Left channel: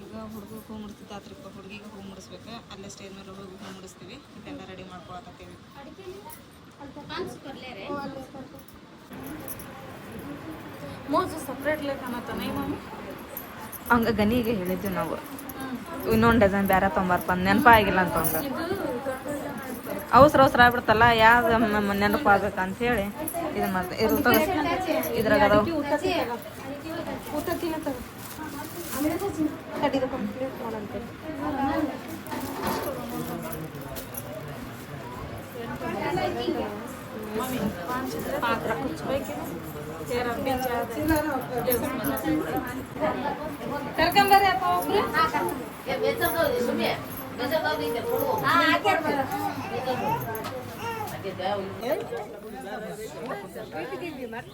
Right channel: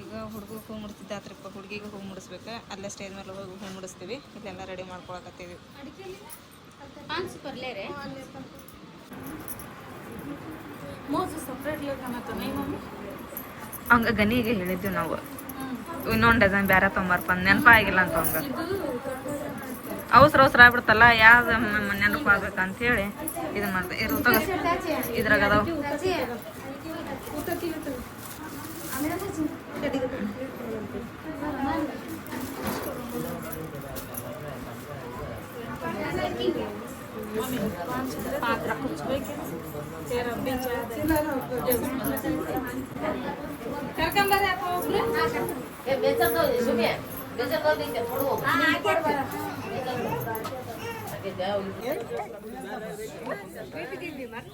ಈಗ ಹುಡುಗಗೆ ಹೂ ಮುಡಿಸಿದ್ದಾತ್ರಿಪ್ಪ. ಹುಡುಗಿಗೆ ಹೂ ಮುಡಿಸ್ಬೇಕು. ಅಲ್ಲೇ ಸ್ಟೇಜ್ ಮೇಲೆ ಹೋಗಿ ಹೂ ಮುಡಿಸ್ತೀವಿ. ಇದೆಲ್ಲ ರೆಡಿ ಮಾಡ್ಕೊಳಕತ್ತೀವಿ. ಹಂಗ ಗನಿಗೆ ಹೇಳಿದ್ವಿ ನಾವು, ಇನ್ನೊಂದು ಡಜನ್ ಬೇರೆ ತೊಂಬರ್ಪ ನೆನಪ ಆಗಿಲ್ಲ ಅಂತ ಒಂದು ಅವಸರ ಆಗ್ಬಿಡ್ತಲ್ಲ, ಯಾವ್ದು ನೆನಪು ಆಗ್ಬೇಕಂತ ಹೇಳಿ ಇದನ್ನ ಮಾಡ್ದೆ. ಇದ್ರಾಗ ಅದಾವ पात्रा कुछ तेरा करकंबर है तो ये बेचो दो सुनिए बेचो दो दिन के फोड़ो हां आके जाओ बेटी दी मत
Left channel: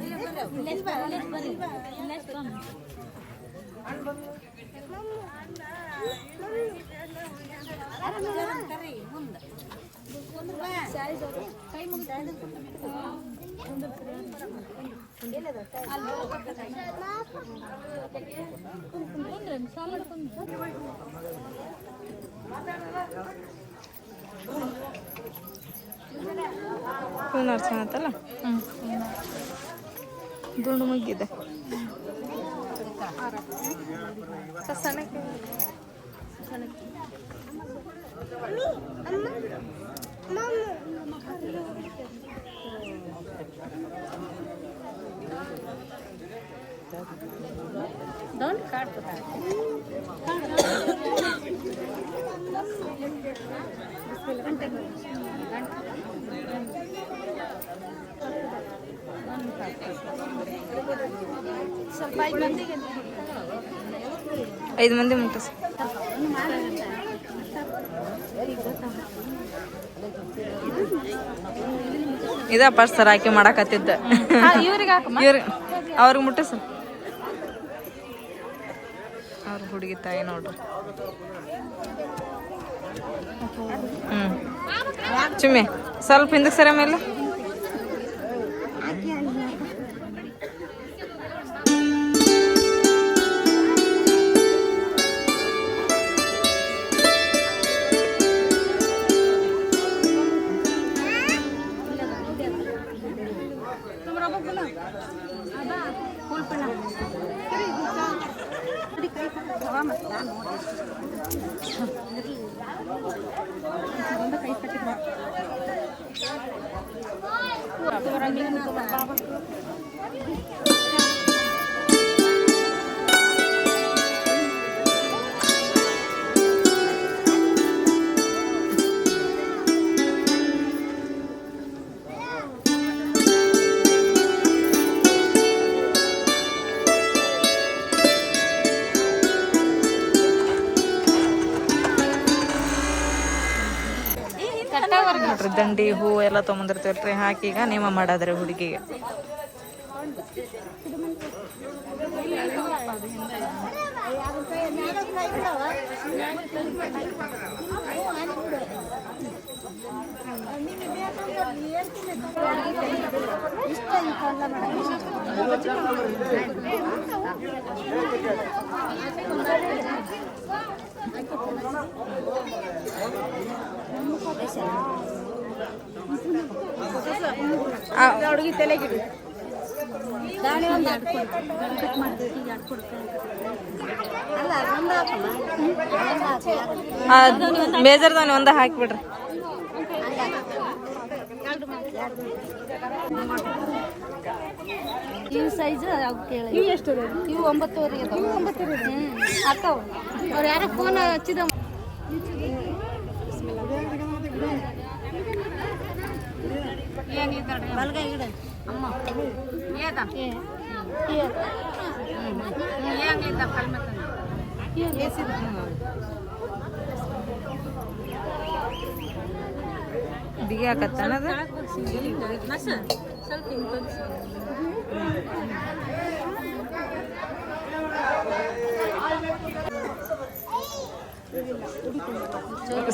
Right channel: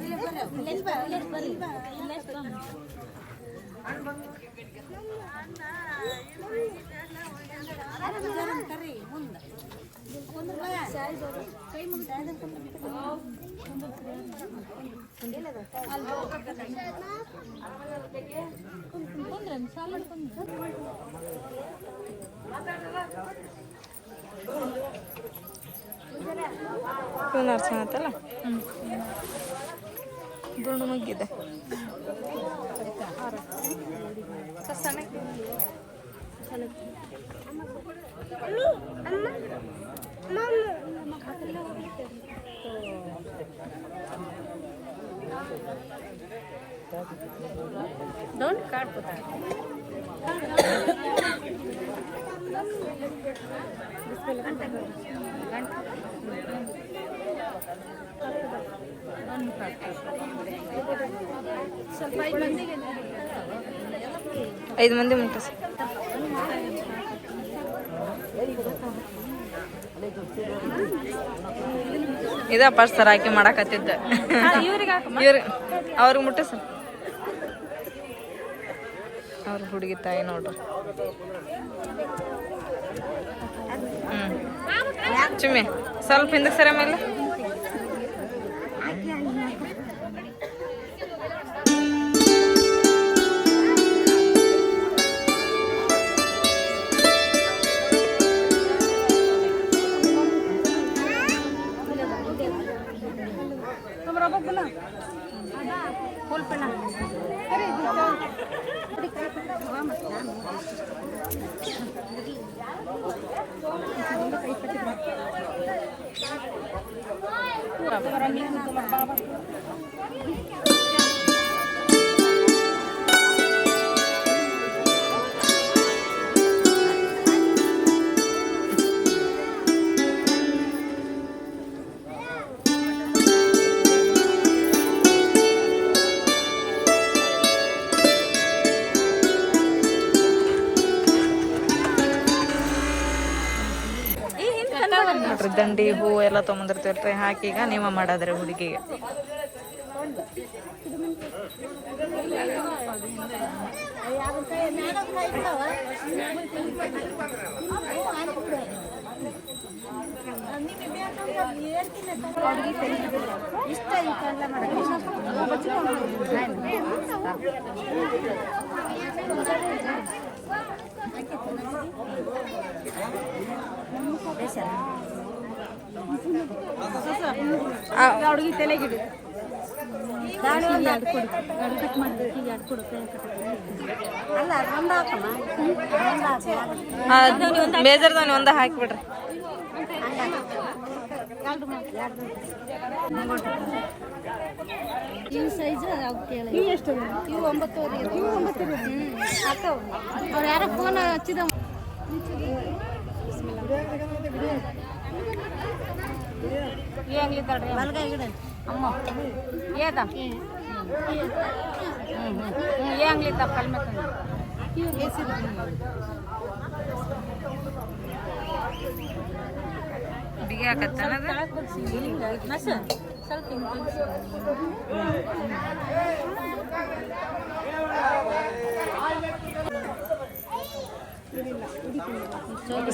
ले बा गरम करे ಮುಂದೆ ಕೈ ಮುಂದೆ ಚೆನ್ನಾಗತ್ತಲ್ಲ. ದುಂಡು ಮುಗ್ಗಿದೆ. Don't cut the back. ಐದು ಮಂದಿ ಮುಟ್ಟಸ್ ಇದ ಪರ್ಸರ್ ಹಾಕಿ ಮಾಡಕತ್ತಿದ್ದ ಇವ್ರ ಅವ್ರಿಗೆ ಮುಟ್ಟಸ ಅವ್ರ ಹುಡುಗಿ ತಾಯಿ ನೋಡ್ರಿ. ಚುಮ್ಮಿ ಸ್ವಲ್ಪ ಹಿಂದಕ್ಕೆ ಸರ ಮೇಲೆ ದಂಡಿ ಹೂ ಎಲ್ಲ ತೊಗೊಂಡಿರ್ತೀವಲ್ರಿ, ಹಾಕಿ ಈಗ ನೇಮ ಮಾಡಾದ್ರಿ ಹುಡುಗಿಗೆ. ಮೇಜರ್ದಾನೆ ಒಂದ ಹಾಕಿಬಿಡ್ರಿ. ಇವು ಸೈಜ್ ಇವು ಎಷ್ಟು ಇವು 9 ಇವು 9 ಹಾಕವು. ಅವ್ರು ಯಾರೋ ಫೋನ್ ಹಚ್ಚಿದ ಬಲ್ಗಾಯಿ ಗಿಡ ಅಮ್ಮ ಏದ ಏಂಗ್ಲಿದ್ದ ಕಲ್ಮೆ ಬೇಸಿದ ಬಿಗಿ ಹಾಕತ್ತನದ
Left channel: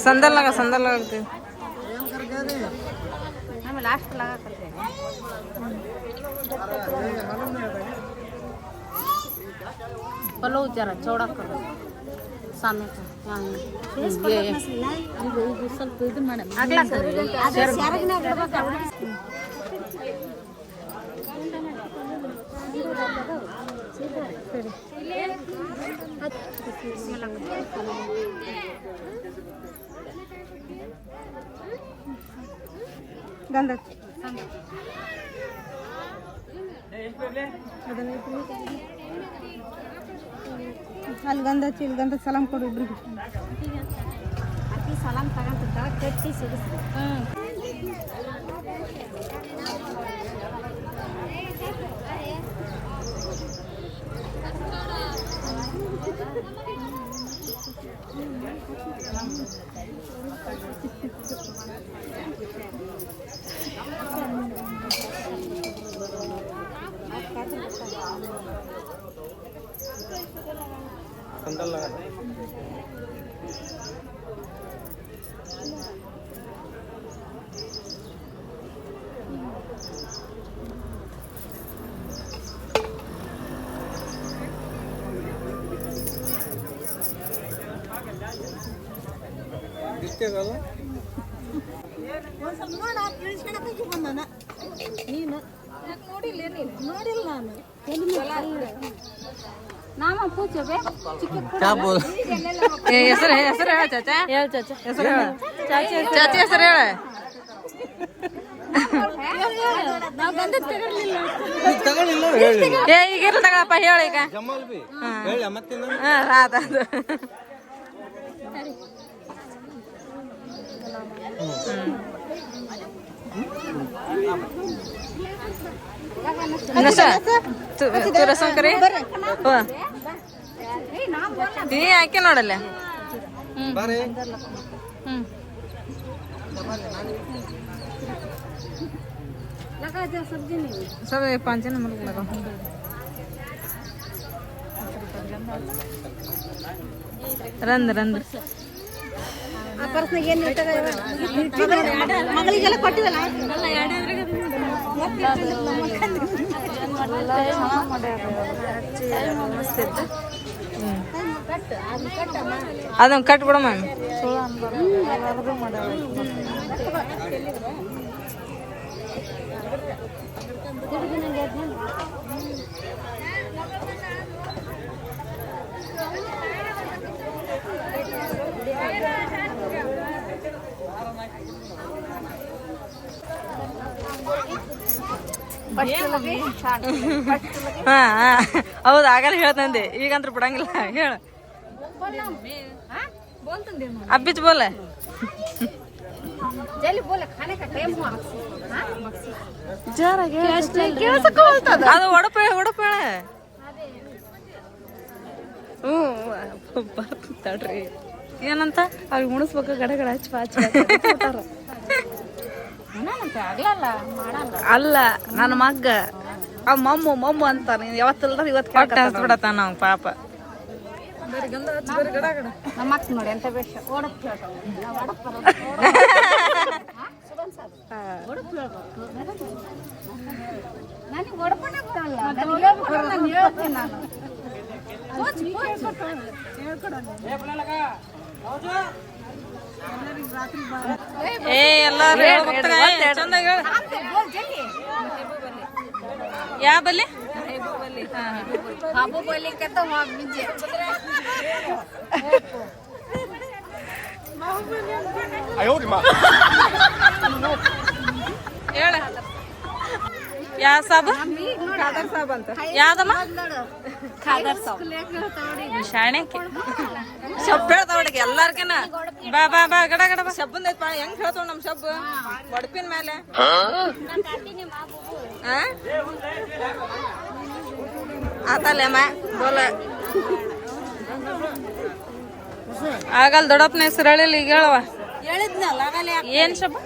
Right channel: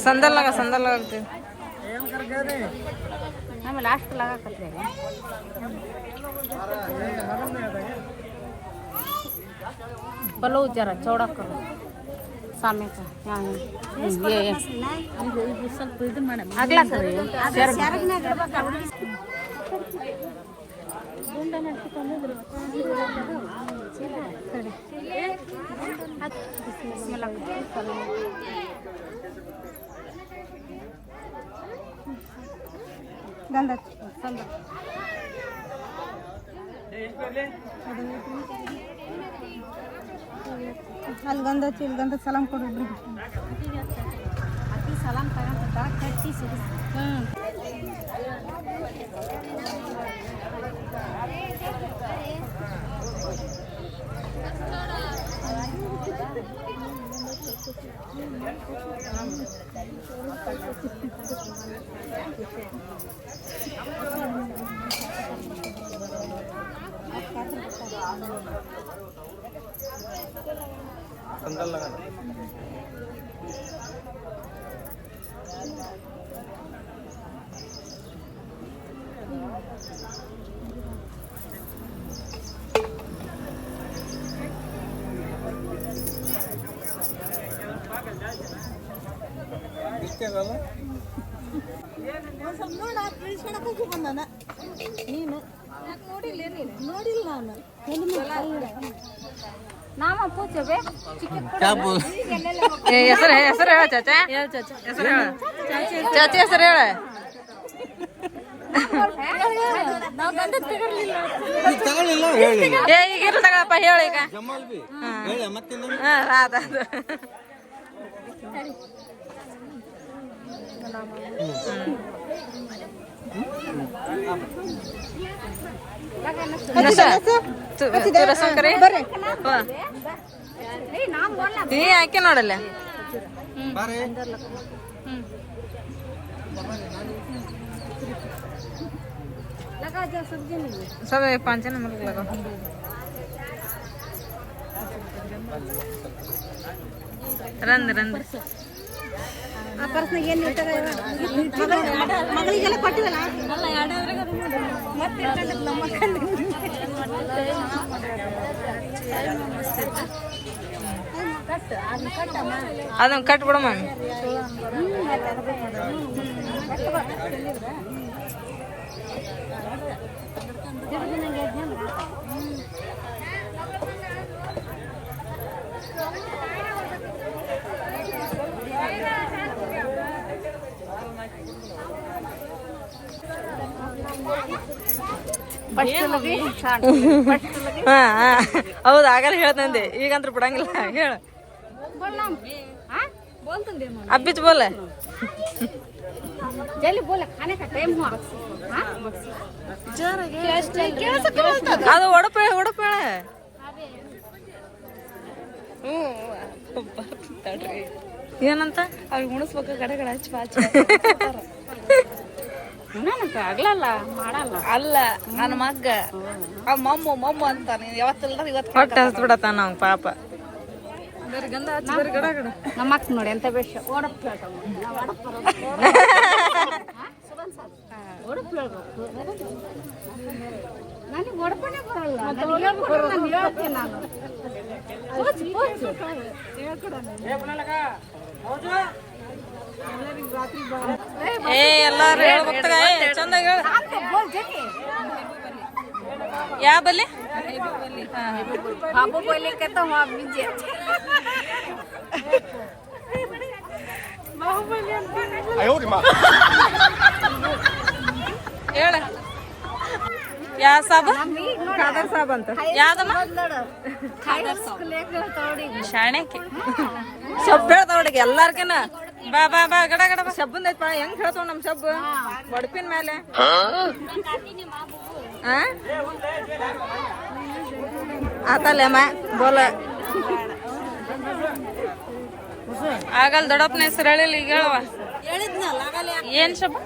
ಸಂದಲ್ನಾಗ ಸಂದಲ್ಲಾಗ್ತೀವಿ. ಲಾಸ್ಟ್ पलो जरा चौड़ा करो सामने का ये ಇದು ಸ್ವಲ್ಪ ಇದು ಮಾಡ ಅಗಲ ಸರಗನ ಅಗಲ ಗಂಧ ಅಲ್ಲಿ ಗಂಧ ಹಚ್ಚಿ ಇಲ್ಲಿ ಗಂಧ ಸಲಾಮ್ ಕೊಡು ಇಬ್ರಿಗೆ ಅಕ್ಕಿ ಸಲಾಮ್ ತಗೊಂತ ಕಟ್ಟಿ ಸಿಡಿಸ್ತು संदल लगा ಇಷ್ಟೇ ಅಲ್ಲ ಒಂದು ಸ್ವಲ್ಪ ನೋಡ ತಿಳಿಸ್ಕೊಳಕ್ಕೆ ಬಂದಾನ ನೀನು ನೋಡಿಲ್ಲ ನೀನು ನೋಡಿಲ್ಲ ನಾನು ನಾಮ ಪೂಜೆಗೆ ಹೆಸರು ಹೆಸರು ಹೇಳ ಚಾಚಾ ಹೆಸರು ಹೇಳ ಚಾಚಿ ಹೆಸರು ಹೇಳ ತಗೊಳ್ಳಿಲ್ಲ ಹೇಳಿ ಈಗಿರ ತಗೊಳಪ್ಪ ಹೇಳ ಈಗ ಜಮಾಲ್ ಬಿ ಹೇಳ ಮತ್ತೆ ಅದು नशा तू रसम करे हो ನೀ ಯಾಕೆ ನೋಡಲ್ಲ ಬಾರೆ लगा दे सब्जी नहीं सब 5 नंबर लगा ರಂದ್ ರಂದ್ ಆ ಪರ್ಸ್ನಾಗ ಏನು ಮಗಳಿಗೆಲ್ಲ ಕೊಟ್ಟಿವಲ್ಲ ಅದನ್ನ ಕಟ್ ಬಿಡಮ್ಮ ಹೌದು ಆಗಲ್ಲ ಹೇಳ್ತಂದೆ ಈಗಂತ್ರ ಬಿಡಂಗಿಲ್ಲ ಹೇಳ ಅಬ್ಬಿತ್ ಬೋಲ ಅದು ಒಡಪ ಒಡಪ ಏನಂತ ಅವ್ ಮುಣಿಸ್ಬೇಕು ಗಡಗಡ ಹಚ್ಚ ಅಲ್ಲ ನನ್ನ ಮಗ್ಗ ಆ ಮಮ್ಮು ಅಂತಾನೆ ಯಾವತ್ತಲ್ಲ ಇವತ್ತು ಹೊಟ್ಟೆ ಹಸ್ಬಿಡತ್ತ ನಾವು ಪಾಪ ನಮ್ಮ ಅಕ್ಕ ನೋಡಿ ಎಂತ ಬೇಷ ನನಗೆ ಒಡಪನೆ ಬರಲ್ಲ ಹೇಳ್ತೇನೆ ನಾನು ಏ ಎಲ್ಲಾರು ಹೇಳ್ಬೇಕ ಚಂದ ಹೇಳ ಯಾ ಬಲ್ಲಿ ಬಾಬು ಬೋಲಿಕ್ಕೆ तो बीजे ಅಯ್ಯೋ ರೀ ಮಾ ಹೇಳ ಯಾ ಸಾಬ ಯಾವ್ದಮ್ಮ ಶಾಣೆಕ್ಕೆ ಶಬ್ಬ ಹೇಳ್ತಾವಡಿಗೆ ಎಲ್ಲಾರ್ಗನು ಬಾ ಬಾ ಬಾ ಗಡ ಗಡ ಬಾ ಶಬ್ಬಂದ ಹೆಂಗ್ ಹೇಳ್ತಾವ ನಮ್ ಶಬ್ಬ ಮಡಪಿನ ಮೇಲೆ ಆತಲ್ಲಮ್ಮ ಬೋಲ ಆಗಲ್ ದೊಡ್ಡಪ್ಪನ ಹೆಸರು ಹೇಳಿಲ್ಲ ಈಗ ಹೇಳವ ಏನ್ ಶಬ್ಬ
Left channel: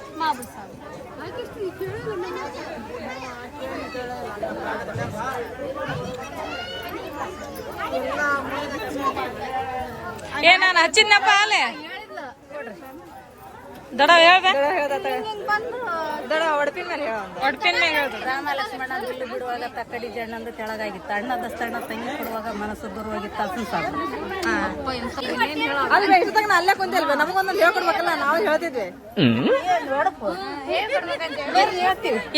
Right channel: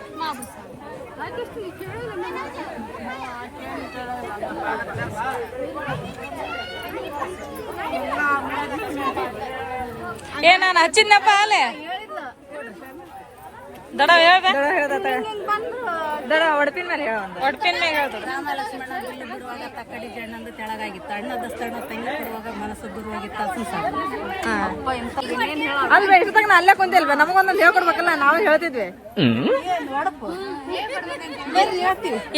ಏ ನಾನು ಹಚ್ಚಿದ್ನಪ್ಪ ಅಲ್ಲೇ ದಡ ಹೇಳ್ದ ಒಡಪಿನ ಮೇಲೆ ಹೇಳ್ದಡ ರಾಮ ಲಕ್ಷ್ಮಣ ಗಿಲ್ಲಿ ಬಿಡುವಾಗ ತಕ್ಕಡಿ ಜಣ್ಣಂದು ತೆಳಗಾಗಿತ್ತು ಅಣ್ಣದಷ್ಟ ಅಣ್ಣ ತಂಗಿ ಕೊಡುವಾಗ ಮನಸ್ಸು ದೂರವಾಗಿತ್ತು ಅಸನ್ ಸಾಕು ಅಲ್ಲೇ ಕುಂತಿಲ್ವ ನಮಗೊಂದೊಂದು ಹೇಳ್ಕೊಡ್ಬೇಕಲ್ಲ ನಾವು ಹೇಳ್ತಿದ್ವಿ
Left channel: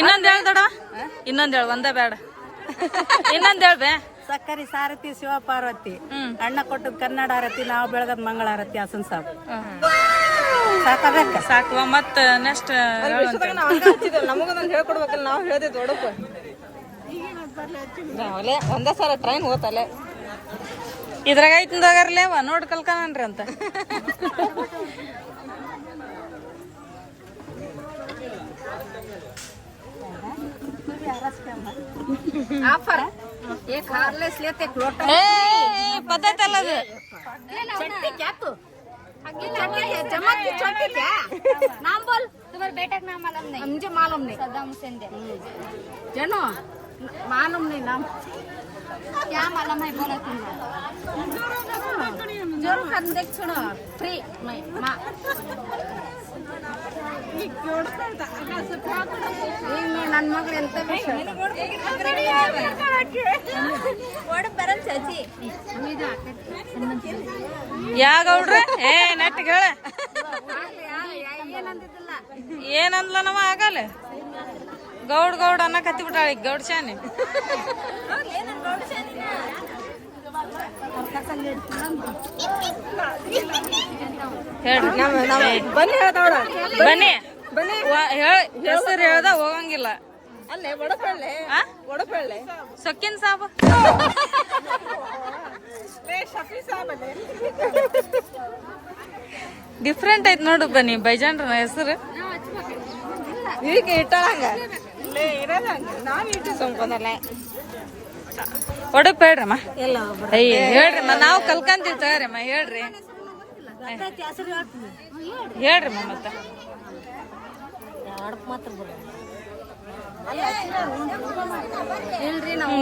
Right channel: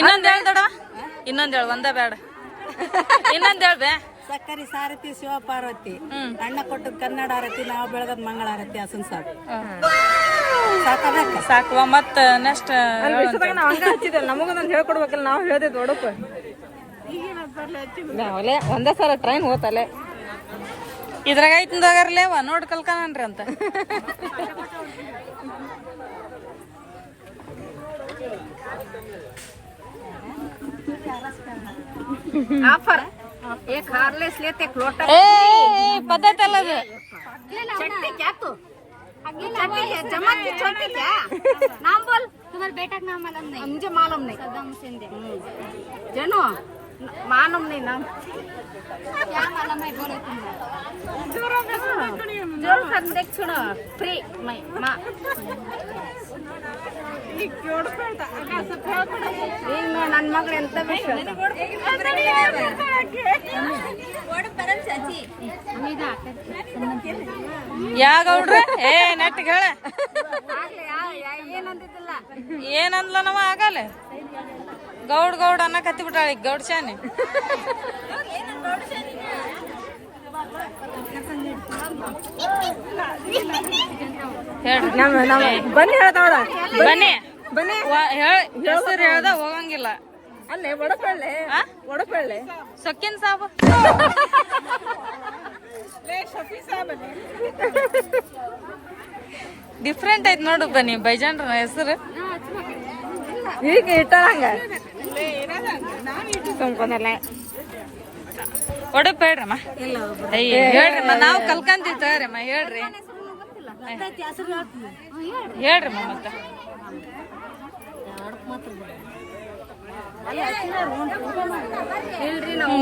ಇನ್ನೊಂದ್ ಹೇಳ್ದಡ ಇನ್ನೊಂದ್ ಹೇಳ ಒಂದೇ ಬೇಡ ಇನ್ನೊಂದ್ ಹೇಳ್ಬೆ ಸಕ್ಕರೆ ಸಾರಥಿ ಶಿವಪಾರ್ವತಿ ಅಣ್ಣ ಕೊಟ್ಟದ ಕನ್ನಡ ಆರತಿ ನಾವು ಬೆಳಗದ ಮಂಗಳ ಆರತಿ ಹಸನ್ ಸಾಕು ಸಾಕಬೇಕ ಸಾಕುವ ಮತ್ತ ನೆಕ್ಸ್ಟ್ ನಮಗೊಂದೊಂದು ಹೇಳ್ಕೊಡ್ಬೇಕಲ್ಲ ನಾವು ಹೇಳ್ತಿದ್ವಿ ಒಡಪು ಒಂದೇ ಸಲ ಟ್ರೈನ್ ಹೋತಲ್ಲೇ ಇದ್ರಾಗ ಐತಿಂದಾಗರ್ಲೇವ ನೋಡ್ ಕಲ್ಕನನ್ರಿ ಅಂತ ಆಫರ್ एक हार्लेस लेते एक लोटा पद्धत ಅಲ್ಲ ಅದು चट्टी क्या तू आगे जमात की छोटी क्या नाम बोल तुम्हारे बेटा का नाम मालूम नहीं मुझे मालूम नहीं सद्दाम हुसैन दे जनो मालूम नहीं नाम क्या मालूम है बोलो तुम जोर कर देख सुनो फ्री मैं मां ನನ್ನ ಮಗ ಎಂತ बरम चाची ಯಾಗೌಡ್ರೆ ಏ ನೆಟ್ಟಿಗೆ ಹೇಳ ಏನಂತಿಲ್ಲ ಏನಂದ್ಲ ನವ ಆಗಲ್ಲ ಗೌಡ್ ಗೌಡ್ ಅನ್ನ ಕತ್ತಿ ಬಿಟ್ಟಾಳ ಗೌಡ್ ಶಾನಿ ಹೇಳ್ರಿ ಬನ್ನಿ ಹೆಸರು ಹೇಳ್ದ ಹೋಗಂಗಿಲ್ಲ ಸೊಕ್ಕಿನ ಸಾಬ ಡಿಫ್ರೆಂಟ್ ಐತ್ ನೋಡು ಬನ್ನಿ ಬೈಜಾನ್ರ ಹೆಸರು ಈಗ ಇಟ್ಟಂಗ ಒಡಪ್ ಹೇಳ್ರಮ್ಮ ಅಯ್ಯ ಹೇಳ್ರಮ್ಮ ನಾವು ಕಲ್ಕಂತೀವಿ ತಗೋರಮ್ಮ ಹೇಳ್ರಿ ಹೇಳ್ರಮ್ಮ ಮತ್ತ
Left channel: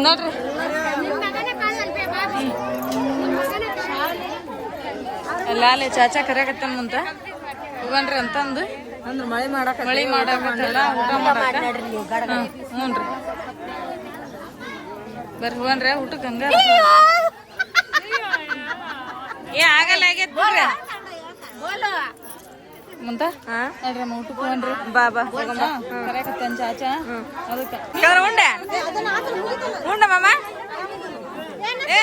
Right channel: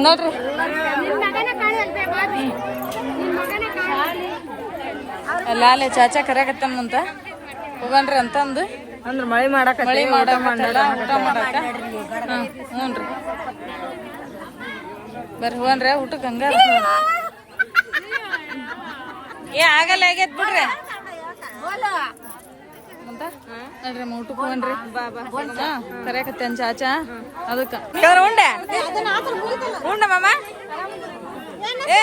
ನೋಡ್ರಿ ಅಲ್ಲೇ ಚಾಚಾ ಕರ್ಯಾಕತ್ತಂತ ಹೋಗನ್ರಿ ಅಂತಂದು ಅಂದ್ರೆ ಮಳಿ ಮಾಡಾಕತ್ತಲ್ಲ ಊಟ ಮಾಡಾಕ ಹ್ಞೂನ್ರಿ ಬರ್ರಿ ಹೋಗನ್ರಿ ಊಟಕ್ಕೆ ಹಂಗಾರ ಏ ಆಗಲ್ಲ ಆಗೈತ್ ಬಿಡ್ರಿ ಮುಂತ ನೋಡ್ರಿ ಊಟಕ್ಕೆ ಹೋಗನ್ರಿ ಬಾಬಾ ಕರ್ಯಾಕತ್ತೇನ್ ಚಾಚಾ ಅದಕ್ಕ ಉಂಡೆ ಉಂಡ ಮಾಮ ए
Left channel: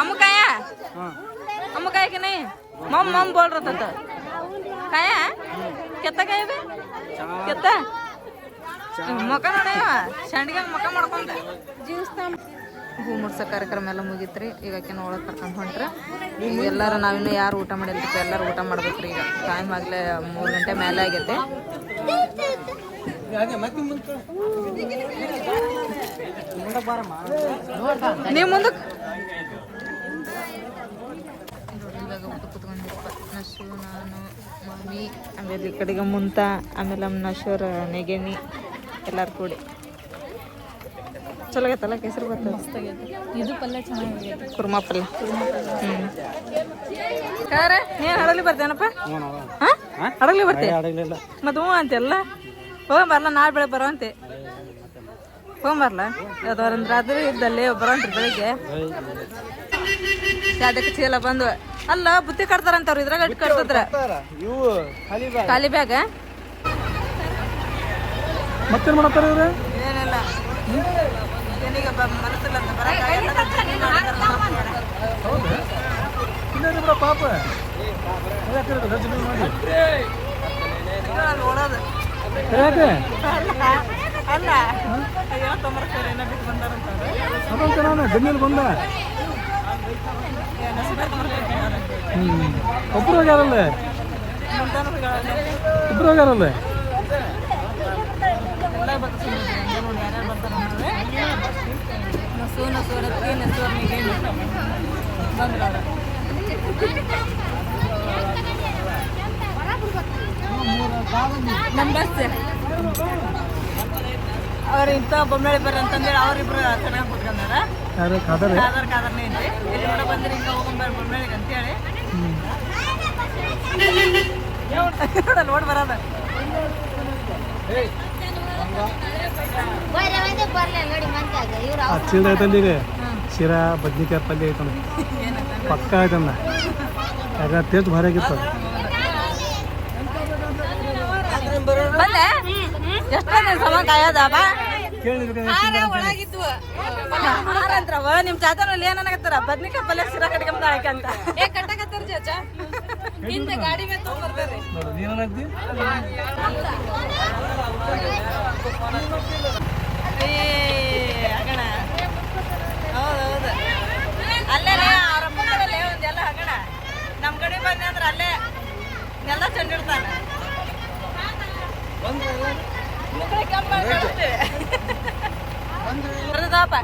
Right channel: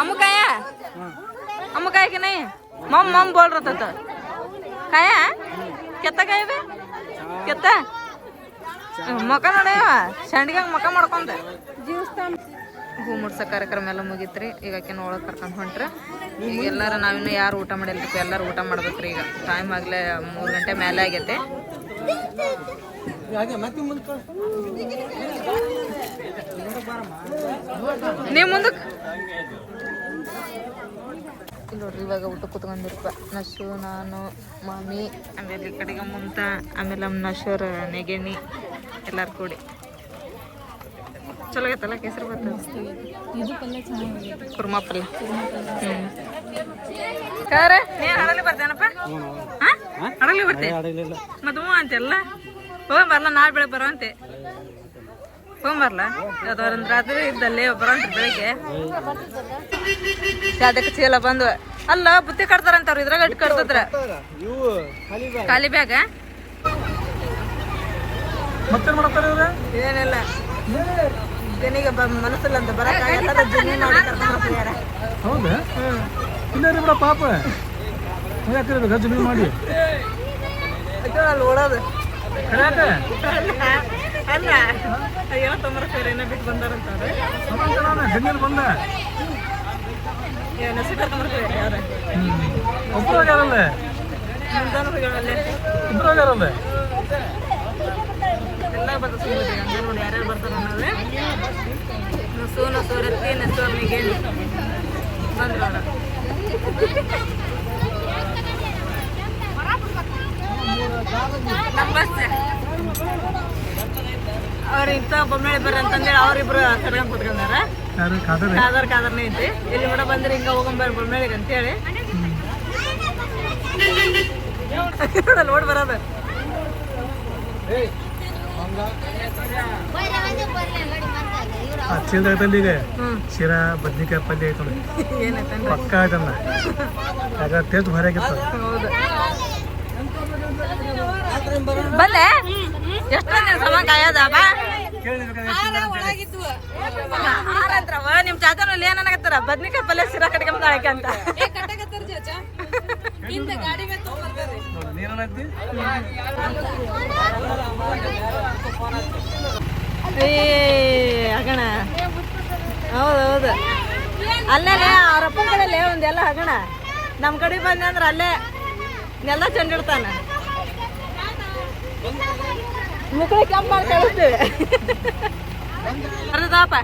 अम्म खाया अम्म खाया कि नहीं मम मम बोल रहा था तो खाया कितना खाया बे कितना मका ನೋಡ ಸಂಡಿಗೆ ಮಕ ಮಾಡ್ಕೊಂಡೆ ಹೂ ಮುಡ್ಸೋ ಕಾರ್ಯಕ್ರಮ ಎಲ್ಲ ಮುಗಿತ್ರಿ ಈಗ ಆಕೆನ ಒಳಗೆ ಕರ್ಕೊಂಡು ಹೊಂಟ್ರೆ ಎಲ್ಲರೂ ನಾವಿನ್ನೂ ಯಾರು ಊಟ ಮಾಡಿಲ್ರಿ ಎಲ್ಲರೂ ಊಟ ಮಾಡ್ಬೇಕ್ರಿ ಈಗ ಟೈಮ್ ಆಗಲೇ 3 ಗಂಟೆ ಮೇಲೆ ಆಗೈತೆ ನೀವು ಮುಂದಕ್ಕೆ ನೋಡ್ರಿ ಇವಾಗ ಊಟ ಕುತ್ಕೊಂಡಿರಪ್ಪ ನಶು ನಾನು ಮಾಮಿ ಆಮೇಲೆ ಈ ಕಡೆಗೆ ಮುಂತ ಆಮೇಲೆ ನಮ್ಮ ನಶೋರ ನೆಗೆಣಿ ಎಲ್ಲಾರು ಕೂಡಿ ಚಲೋ ಆಗೈತಲ್ಲ ಕೇಸರಿ ಬರ್ತದೆ ಇದು ಪಲ್ಯ ಚೆನ್ನಾಗಿದೆ ಕುರ್ಮಾ ಪಲ್ಯ ಕಾರ ನೀನು ಹಡಗ್ಲಿ ಬರ್ತೇನಪ್ಪ ಹಡಗ್ಲಿ ಬರ್ತೆ ಮತ್ತೆ ಹ್ಞೂ ಅಂತೆಲ್ಲ ಹೋಗಂಬರ್ಲ ನಾಳೆ ಬೆಳಗ್ಗೆ ಬರೋಂತೆ ಹೋಗಂಬರ್ಲ ಯಾವ್ದವ್ರಂದ್ರೆ ರಾತ್ರಿ ಇದ್ದಲ್ಲಿ ಬರೋಂತ್ರಿ ಬೆಳಿಗ್ಗೆ ಅದಕ್ಕೆ ಚೀಲ ಬಂದು ಅಲ್ಲ ಬುತ್ತಿ ಕಟ್ತಾರಂತವ್ರು ಇದ್ರಾಗ ಅಟ್ಟು ಕಟ್ತದ್ರ ಖಾಲಿ ಬ್ಯಾಗ ಏನಿಲ್ಲ ಜನಿಗೆ ಮನಸ್ಸಿಲ್ಲ ಅಂತ ಬರಕ ಎಲ್ಲದ ಜನಿ ಮಾಡಿ ಪಾಪ ಅಲ್ಲಿ ಓಡೋದು ಅಲ್ಲ ಏನೋ ತೊಂಬರ್ತಾರೆ ಏನೋ ಬಿಟ್ಟು ಬಂದಾರಂತಾರೆ ಎಲ್ಲ ಬರ್ತಾರೆ ನೋಡಿ ಯಾರ್ಯಾರು ಬರ್ತಾರೆ ಅನ್ನೋದೇ ನಸೂರತ್ತಿ ನಸೂರ್ನಿಗೆ ಬಂದ್ರು ಅವ್ರ ನಮ್ಮ ಬಸ್ ಅವ್ರ ಇಂಥ ಬೊಮ್ಮಳಿ ಬರ್ರಿ ಅಂತಂದೇಳಿ ಅವ್ರಿಬ್ರು ಕಡ್ಕೊಂಡ್ ಕುತ್ಕೊಂಡಾರ ಕಾದರ್ನೇ ಐತಿ ಇಲ್ಲಿ ಕೂಡ ಬಂದ್ರೆ ಹಿಂಗ ಹೋಗಂಬರ್ ಬೊಮ್ಮಳಿಗೆ ಅಂತೇಳಿ ನೋಡಲ್ಲ ಓಡ್ ಬರೋದು ಚಿಲ್ಲರೆ ಐತಂದಿಗೆ ಶಿರಾ ಬದ್ನಿಕಾಯಿ ಪಲ್ಯ ಐತಂದ ಪಕ್ಕ ಐತಂದ ಅದ ಟೇಸ್ಟ್ ಭಾರಿ ಆಗಿತ್ತು. ಬಂದೆ ಎಷ್ಟೋ ದಿನ ಸಮ ಕಾಯದ ಬಾ ಆನಂತ್ರವ ನಿಮ್ ಚಾಚಾನಲ್ಲಿ ಏನಾಗತ್ತಾರ ಬದ್ನಿಕಾಯಿ ಪಲ್ಯ ಶಿರಾ ಕಟ್ಕೊಂಡ್ ಹಾಕಿ ಅಂತ ಹಗಣ ಹೌದೌದು ಅಲ್ಲೇ ಅವ್ರಪ್ಪ ಕಡೆಯಲ್ಲೇ ಒಂದೆಲ್ಲ ಹಗಣ ನಮ್ಮ ಕಡೆ ಬಂದೆ ಅಂದ್ರೆ ಅಲ್ಲೇ ಎಲ್ಲ ಚಂಡಿಡ್ತಾನ ಮುಕ್ಳಿ ಕೆಂಪ ಬರ್ದಪ್ಪ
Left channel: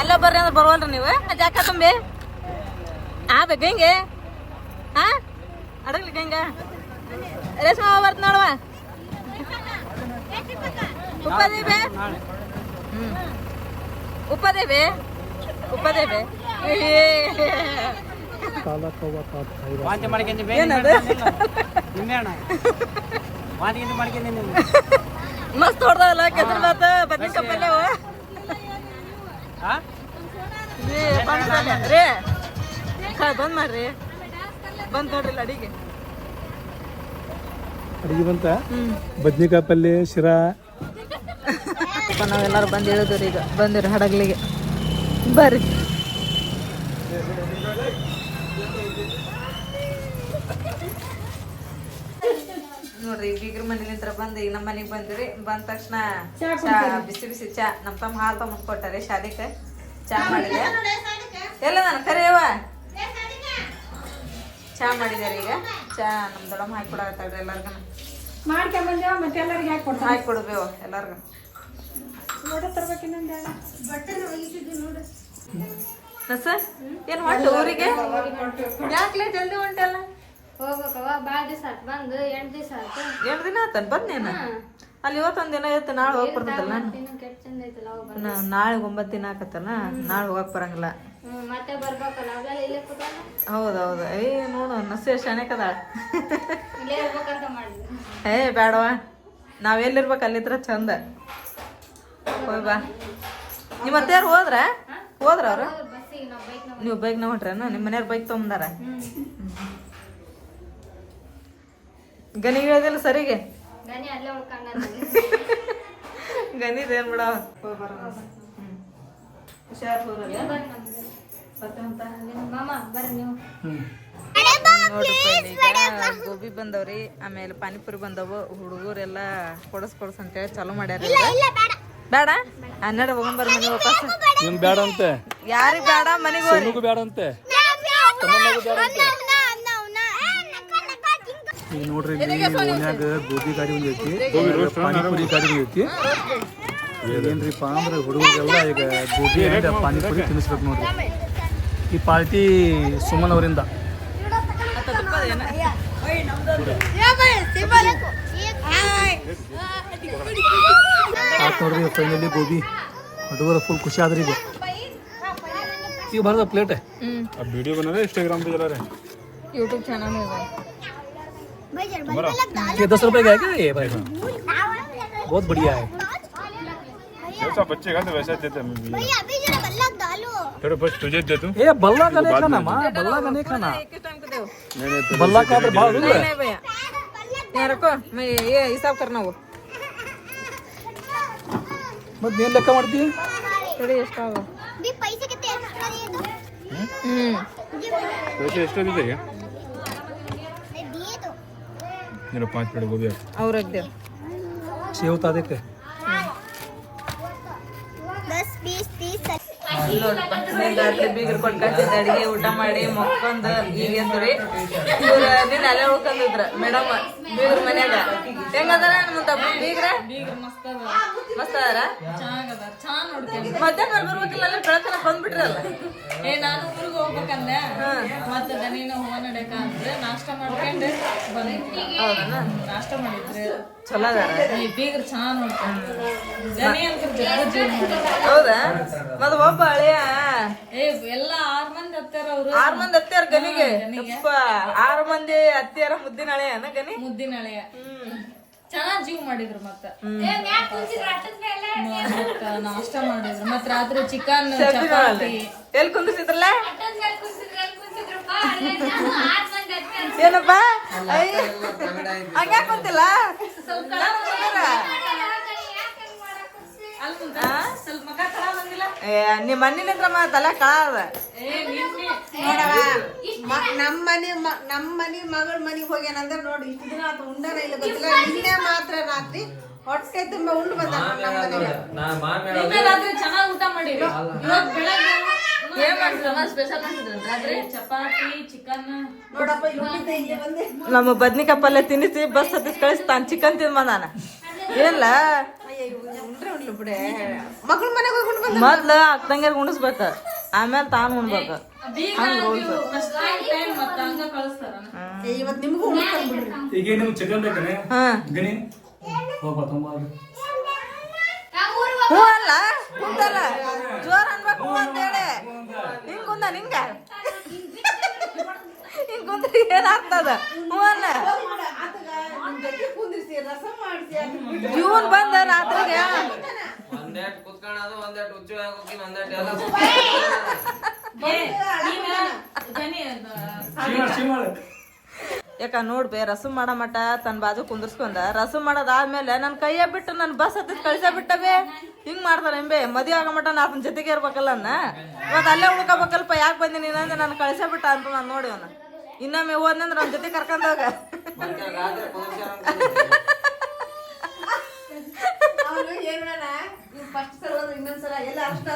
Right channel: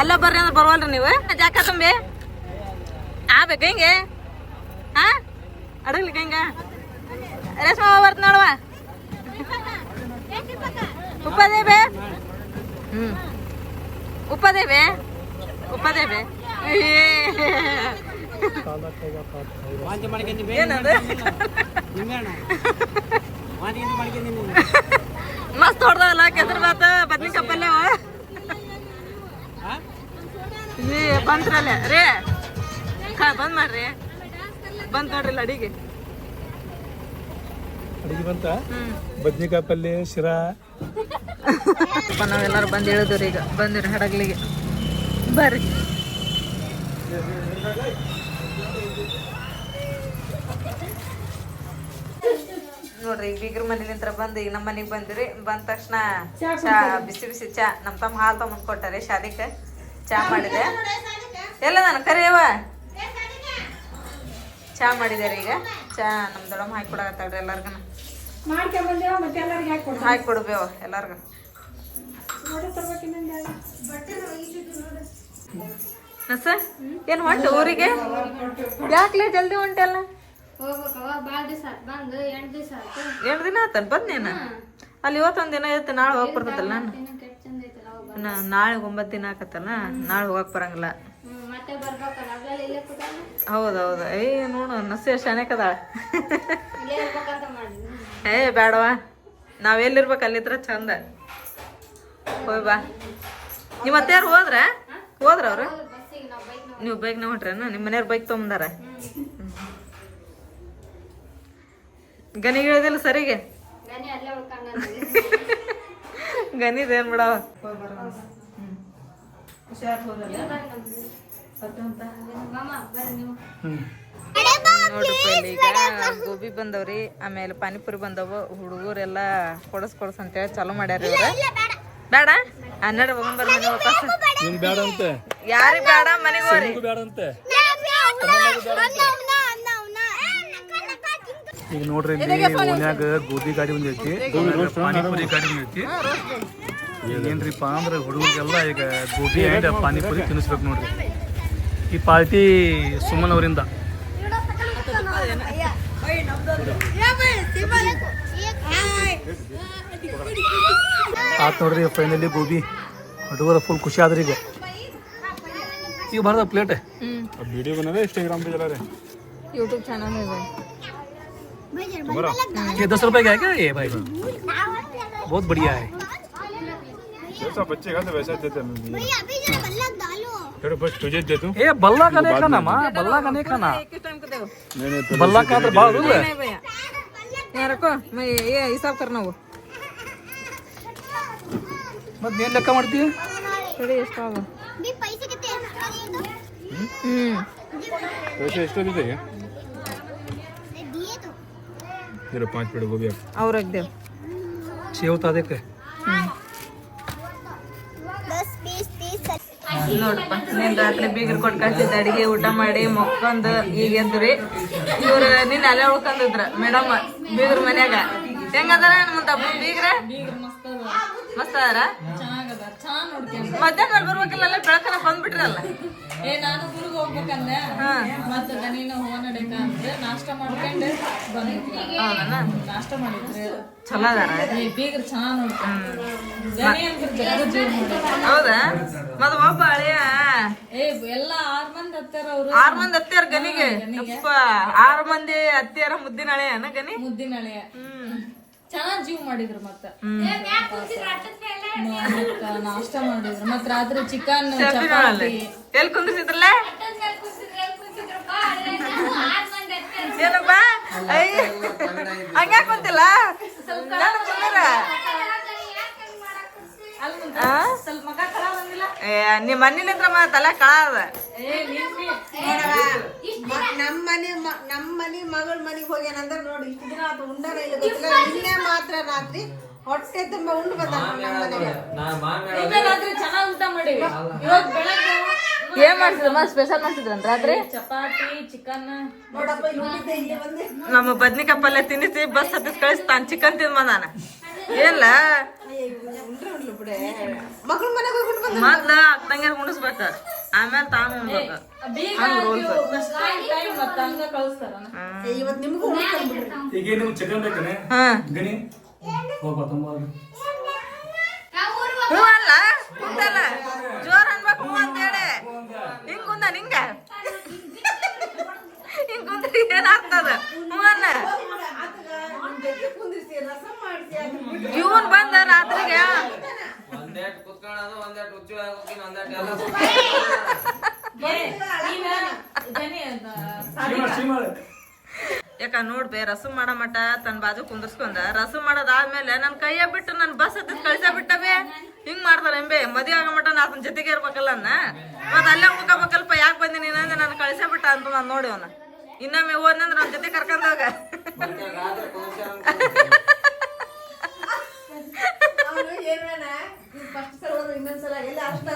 ಅಲ್ಲ ಬರ್ರಿ ಅಂದ್ರೆ ಬರ್ವಲ್ರಿ ನೀವು ಜಾಕ ತುಂಬಿ ಆಗ್ಬೇಕು ಹಿಂಗೆ ಹಾ ಅಡಗ್ಲಿಕ್ಕೆ ಹಿಂಗ ರೇಷ್ಮೆ ಬರ್ತ ನೋಡುವ ಉಪ್ಪದೇವೆ ಉಪ್ಪದೇವೆ ಉಪ್ಪದೇವೆ ವಾಂತಿ ಮಾಡ್ಕೊಂಡು ವಾಂತಿ ಮಾಡ್ಕೊಂಡು ಮಸ್ತ್ ಹೊಡ್ದಲ್ಲ ಕೆಸರು ಬಾತ ಬದ್ನಿಕಾಯಿ ಪಲ್ಯವ ಬಂದ್ರಲ್ಲ ರೇ ಬಂದ್ ಮಾಡ್ರಿ ಬಂದ್ ನೋಡ್ರಿಲ್ಲ ಅಡಿಗೆ ಬದ್ನಿಕಾಯಿ ಪಲ್ಯ ಶಿರಾ ನಾವೆಲ್ಲರೂ ಬಂದು ಹೇಳಿದ್ರಿ ಈಗ ಬಂದಿರಿ ಹಡಗ್ಲಿಗೆ ಬರ್ರಿ ನೋಡ್ರಿ ಈಗ ಬೀಗ್ರ ಮನೇಲಿಂತ್ರ ಬಂದು ಈಗ ನಮ್ಮ ಮನೆಗೆ ಬಂದಿರಿ ಬಂದ ತಕ್ಷಣ ಚಾ ಬಿಸಿ ಬಿಸಿ ಚಾ ನಮ್ಮ ತಮ್ಮ ಹಾಲು ತಗೊಂಡ್ ಕೊಟ್ಟಾರೆ ಶಾದಿಕ ಚಾ ಮಾಡಿದೆ ಎಲ್ಲ ನಾನು ಕರಿಯವ ಚಾ ಮಾಡಿದಾರೆ ಈಗ ಚಾ ನಮ್ ದೊಡ್ಡಮ್ಮ ಹಾಕಿ ಕೊಡಾಕತ್ತಾಳ್ರಿ ಎಲ್ಲಾರ್ಗನ ಹಾಕಿ ಕೊಡ್ಬೇವ ಎಲ್ಲಾರ್ಗು ಸರ್ ಏನ್ ಹೊಂಟು ಊರಿಗೆ ಯಾಕ್ಲೆ ಜಲ್ದಿ ಹೊಂಟಲ್ಲ ಹೋಗ್ಬೇಕವ ಬಾಳ ದಿವಸ ಆತ್ ಬಂದು 8 ದಿವಸ ಆಯ್ತು 2 ದಿನ ಆತನ್ ಬಂದೇನ ಅಲ್ಲಿ ಇವತ್ತೊಂದ್ ದಿನ ಇತ್ತು ನಾಳೆ ಹೋಗ್ ಬರ್ತದಲ್ಲ ನಾನು ಕೆಟ್ಟ ಚಂದ ಐತಲ್ಲ ಹೋಗ ನಾಳೆ 9 ದಿನ ಆಕತ್ತಲ್ಲ ನಾಳೆ ಹೋಗಕ್ ಬರಂಗಿಲ್ಲ ಮತ್ತೆ ಬರ್ಬೇಕಲ್ಲ ಅವೆಲ್ಲ ಇಲ್ಲೇ ಕೂತಾನ ಹೌದೌದು ನೋಡು ನಸೆ ಶಾಣೆಕದಾಳ ಇಲ್ಲೇ ಇರ್ಬೇಕಂತ ಮಾಡಿದ್ವಿ ಬೇಡವ ನಾವ್ ಎಲ್ಲಿರ್ಬೇಕು ಅಲ್ಲಿದ್ರ ಚಂದ ಹೋಯ್ ಬಾ ನಿಮ್ಮ ಅತ್ತೆಯಾರು ಹೋದ್ರ ಅವ್ರು ಬಸ್ಸಿಗೆ ನಾವು ಬೈಕ್ ನೀವು ಬೈಕ್ನ ಹೊಂಟ್ರೇನ ನಿಮ್ಮ ಮನೆಯವ್ರ ಬೈಕ್ ತೊಗೊಂಬಂದಾರ ಗನಿಗೆ ಹೇಳಿದಿಲ್ಲ ಸರಿಗೆ ಗನಿ ಅಲ್ಲೇ ಉಳ್ಕಂಗ ಗನಿದೇನ್ ಬಿಡವ ಹುಷಾರ್ ಮಾಮ ಬರ್ರಿ ನೀವು ನೋಡ್ರಿಪ್ಪ ಇಲ್ಲಿ ಈಗ ಗೋಬಿ ಬಂದವ್ರಿ ಆಮೇಲೆ ಪಾನಿಪುರಿ ಬಂದವು ಹುಡುಗರೆಲ್ಲ ಕೊಡಸ್ ಅಂತೇಳಿ ಚಾಲೂ ಮಾಡ್ಯಾರ ಇವ್ರ ಬೇಡ 12 ಹೋಗಂಬರ್ ಮನೆ ವಾಪಸ್ ನಿಮ್ ಬೇಡ ಅಂತೆ ಯಾರಿಗ್ ಬೇಡ ಮನೆಗೆ ಹೋಗ್ರಿ ಬೇಡ ಅಂತೆ ಈಗ ನೋಡ್ರಿ ಇಲ್ಲಿ ಓನ್ಯಾಗ ಗೋಬಿ ಗಾಡಿ ಒಂದ್ ಐತಿ ಪಾನಿಪುರಿ ಗಾಡಿ ಒಂದ್ ಐತಿ ಈಗ ಏನ್ರಿಪ್ಪ ಅಂದ್ರೆ ಹುಡುಗರಿಗೆಲ್ಲ ಈಗ ಗೋಬಿ ಅಂಡ್ ಪಾನಿಪುರಿ ತಿನ್ನಿಸ್ಬೇಕು ನೋಡ್ರಿ ಈ ಪಾರ್ಟಿ ಸುಮನ್ ಅವರಿಂದ ಆತ್ ನೋಡ್ರಿ ಫೈನಲಿ ಗೋಬಿ ಹುಡುಗರ ಫುಲ್ ಖುಷಿ ಆದ್ರಿ ಈಗ ಬರದ ಪ್ಲೇಟ್ वीडियो बना रहे इंस्टाग्राम पे चला रहे यूट्यूब चैनल में ये 10 रुपए का है क्या ये भाई बहुत बढ़िया है जैसा बच्चे खाते वैसा देते मैं भी थोड़ा बस तुझे दे दूं ये बल्ला का नहीं खाना माँ बल्ला का नहीं खाना बल्ला का तो भाव दूंगा रखो मैं ये हिसाब करना वो मत मेन ಲೆಕ್ಕ ಮಾಡ್ತೀಯ थोड़ी एक्स्ट्रा वो पैसे कितने वैसे एक्स्ट्रा दे देगा दिए तो जरा 5 प्लेट गोभी और रख दे सेव ता देख 10 20 30 ನೋಡಪ್ಪ ನೀನ್ ರಾತ್ರಿ ಬೀಗರ್ ಕೊಟ್ಟು ಕಳ್ಸಿದ್ದ ಅಡಿಗೆ ಊಟ ಮಾಡಿ ಮಕ್ಕೊಂಡ್ ಈಗ ಎದ್ರಿ ಇವ್ರ ನಿನ್ನ ಅಲ್ಲೇ ಉಳ್ಕೊಂಡಿದ್ರ ಮೇಡಮ್ ಬೀಗ್ರ ಮನ್ಯಾಗ ಹೆಂಗದಾರ ಮುಂದ ಬೀಗ್ರ ಮಸ್ತ್ ಅದಾರ ಮಧ್ಯಾಹ್ನ ಬರ್ಬೇಕಿಲ್ಲ ಅಲ್ಲೇ ಬೆಳಕನ ಬಂದ್ಬಿಟ್ರಲ್ಲ ನಾನು ಊರಿಗೆ ಹೋಗ್ಬೇಕಂದೆ ಮತ್ತೆ ನೀನು ಹೂವ ನಡಕ ಅಂದ್ರೆ ನಾಷ್ಟ ಮಾಡ್ಕೊಂಡು ಬಂದಿದ್ವಿ ಹೌದನ ನಾಷ್ಟ ಮಾಡಿದ್ರೆ ಚಲೋ ಅದಾರ ಬೀಗ್ರ ಚೆನ್ನಾಗ್ ನೋಡ್ಕೊಂಡು ಗನಿ ಅಂತ ಜಗ್ಗು ಜೀವ ಮಾಡಿದ್ರು ಹೌದಾ ಮತ್ ಒಬ್ಬ ಹಳೆಯ ಎಲ್ಲ 6 ಮಂದಿ ಹತ್ತಾರ ಅವ್ರು 6 ಮಂದಿ ಅತ್ತೆಯರ ಗನಿಗೆ 6 ಮಂದಿ ಅತ್ತೆಯರ ಮುದ್ದಿನ ಹಳೆಯನ ಗನಿ ಮುದ್ದಿನ ಹಳೆಯ ಚೆನ್ನಾಗ್ ಜೀವ್ ಮಾಡಿದ್ರು ಮತ್ತ ನಾಷ್ಟ ಮಾಡಿದ್ರು ಮತ್ ರಾತ್ರಿ ಚಿಕನ್ ಚಪಾತಿ ಎಲ್ಲಿ ಕುಂದಿಸಿದ್ರಲ್ಲ ಏನಪ್ಪ ಹಂಗ ಕುಂತಿಲ್ಲ ಸ್ವಲ್ಪ ಮಗ ಖರಾಬ್ ಬಂದಿಲ್ಲ ನಿಮ್ಮ ಮಣ್ಣಿನಿಂದ್ರ ತಲೆ ಕಳದ ನಮ್ಮ ಮನಿ ಮಗಳ ಮನಿಗೆ ಹೋಗ್ಯಾನಂದ್ರೆ ನೋಡಿ ಇಷ್ಟು ದಿನ ಆತ ಉಂಡನ ಇಲ್ಲ ಗೊತ್ತಿಲ್ಲ ನಿನ್ನೆ ಮಾತ್ರ ರಾತ್ರಿ ಹೊಟ್ಟೆ ತುಂಬ ಉಂಡು ಬಂದ ನಮ್ಮ ಮನೆಗೆ ರಾತ್ರಿ ಚೆನ್ನಾಗ್ ಊಟ ಮಾಡಿ ಇವತ್ ಬೆಳಗ್ಗೆ ಏನ್ ಮಾಡ್ತಿದ್ರಮ್ಮ ಸ್ಪೆಷಲ್ ಮಾಡ್ತಿದ್ರಂತ ರಾತ್ರಿ ಚಪಾತಿ ಚಿಕನ್ ನೋಡಪ್ಪ ಇವ್ನಿದ್ದೆ ಇಲ್ಲಿ ಬಂದೆ ನಮ್ಮ ಬದ್ನಿಕಾಯಿ ಪಲ್ಯ ತಿನ್ನಿಸಿ ಬಸ್ ಹತ್ತಿಸ್ ಕಳಿಸ್ತಾನ ಚಿಕನ್ ತಿಂದ ನಾನು ಏನ್ಲ ಉಂಡ್ರೆ ಉಂಡ್ಲು ಬಿಡೆ ಮಗಳ ಮನೆಗೆ ಹೋಗ್ಕೊಂಡು ಬಂದ ಮೊದ್ಲು ಅಕ್ಕಂಗೆ ಉಣಿಸ್ಬೇಕ ಆಮೇಲೆ ತಾನು ಉಣ್ಬೇಕು ಹಂಗ ರೂಲ್ಸ್ ಮತ್ತ ಹಂಗ ಕಳಿಸ್ತಾರ ಇವತ್ತು ನಿಮ್ಗೂ ಉಣ್ಸ್ತಾರ ಬಿಡ್ರಿ ಈಗ ನೀವು ಚಿಕನ್ ಬೇಕೇನೆ ಹಾ ಗಣಿ ಹೋಗ್ಬಾ ತುಂಬ ಹ್ಞೂ ಅಲ್ಲ ಕುಂತಲ್ಲ ಜೋರ್ ಅನ್ಬೇಕು ಹ್ಞೂ ಅಂತೇಳಿ ಹಿಂಗ್ ಕುಂದ ಹಿಂಗ ಹಿಂಗ್ ಕುಂತ್ರಿ ಏನಾಗ್ತದ ಹ್ಞೂ ಅಲ್ಲ ಕುಂದಿರ್ಸಿ ರಸಂ ಮಾಡಿಸಿ ಜೂನ್ ಬಂದ ರಾತ್ರಿಗೆ ಒಂದೆಟ್ ಕುತ್ಕೊಳ್ಳೋದು ಒಂದೆಟ್ ಉಜ್ಜಳ ಹೋಗಿನ ಒಂದೆಟ್ ಎಲ್ಲ ಯಾಕ ನೋಡ್ಬೇ ರಸಮ್ ಮಾಡೋ ಮಟ ತನ್ನ ಬಾಜು ಕುಂದರ್ಸ್ಕೊಂಡ ರಸಮ್ ಮಾಡೋದಾದ್ಮೇಲೆ ನನ್ ಕೈಯ ಬಿಟ್ಟು ನನ್ ಬಸ್ ಹತ್ತಿಸ್ ಕಳಿಸ ಬಿಟ್ಟವೆ ಹಿಂಗ್ ಮಾಡ್ತಾರ ಎಂಬೆ ಮದ್ವೆ ಆಗೋ ಮಟ ನಾ ಆತನ ಜೊತೆಗೆ ಇರ್ಬೇಕಲ್ಲ ಇವತ್ತು ಅಲ್ಲೇ ಉಳ್ಕೋಬೇಕಲ್ಪ ಯಾಕೆ ಬಂದಿ ನೀನು ಅಂದ್ರೆ ನಾನು ಕಳಿಸ ಬಿಟ್ಟ ಅಂತ ನಾನು ನೋಡಿ ಅವನ ಇನ್ನೊಮ್ಮೆ ಹೋದ್ನಂದ್ರ ನನ್ನ ಜೊತೆ ಕರ್ಕೊಂಡೋಗ ಅವನು ಏನ ಫಸ್ಟ್ ಸಲ ಹೋದ್ರೆ ಇನ್ನೊಂದ್ಸಲ ಎಲ್ಲ ಅಷ್ಟ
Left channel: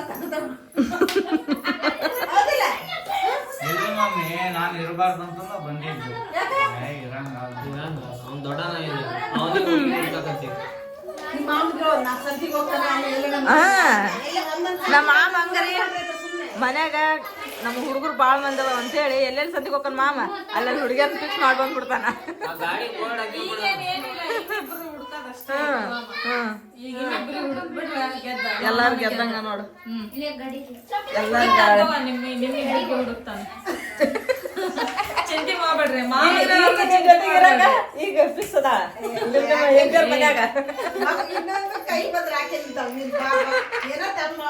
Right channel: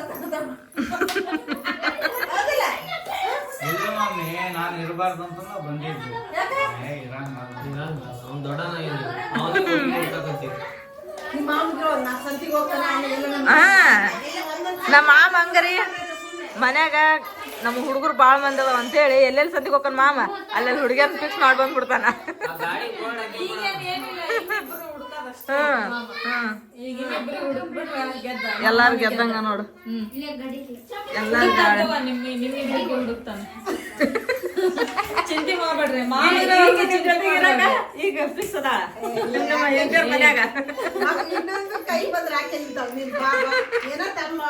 ನಾನು ಇರಬಾರ್ದು ಅಂತ ಬಂದಿದ್ದು ಅವ್ನು ದೊಡ್ಡನ ಅವನಿಗೆ ನಿಮ್ಮ ಮಾಮೂದ್ರು ನಾ ಸಂತಿಗೆ ಹೋಗ್ತಾನೆ ನಮ್ಮ ಮಾಮ ಹಂಗರಿ ಮನ್ಯಾಗ ನಮ್ಮ ಹುಡುಗರು ಬಾಳ ಮಂದವ ಅಂತೇಳಿ ಎಲ್ಲೆಲ್ಲಿ ಸದ್ಯಕ್ಕೆ ಹೋಗ್ತಾನ ಮಾಮ ಅಲ್ಲೆಲ್ಲಿ ಹುಡುಗಿಯರ್ ಫಿಕ್ಸ್ ಮಾಡಿ ಬಂದ್ಬಿಡ್ತಾನ ಎಲ್ಲಾರು ಗೆದ್ದಂಗ ನೋಡು ಎಲ್ಲಾರು ಹುಡುಕ್ತಾನೆ ಚಿಂತೆ ಮಾಡ್ಬೇಡ್ರಿ ಈಗ ಫಿಕ್ಸ್ ಅದ ಮನ್ಯಾಗ ಇನ್ನೊಂದು ಕೈ ಬಂದ್ರೆ ಹಾಕಿ ಏನೋ ತಮ್ಮ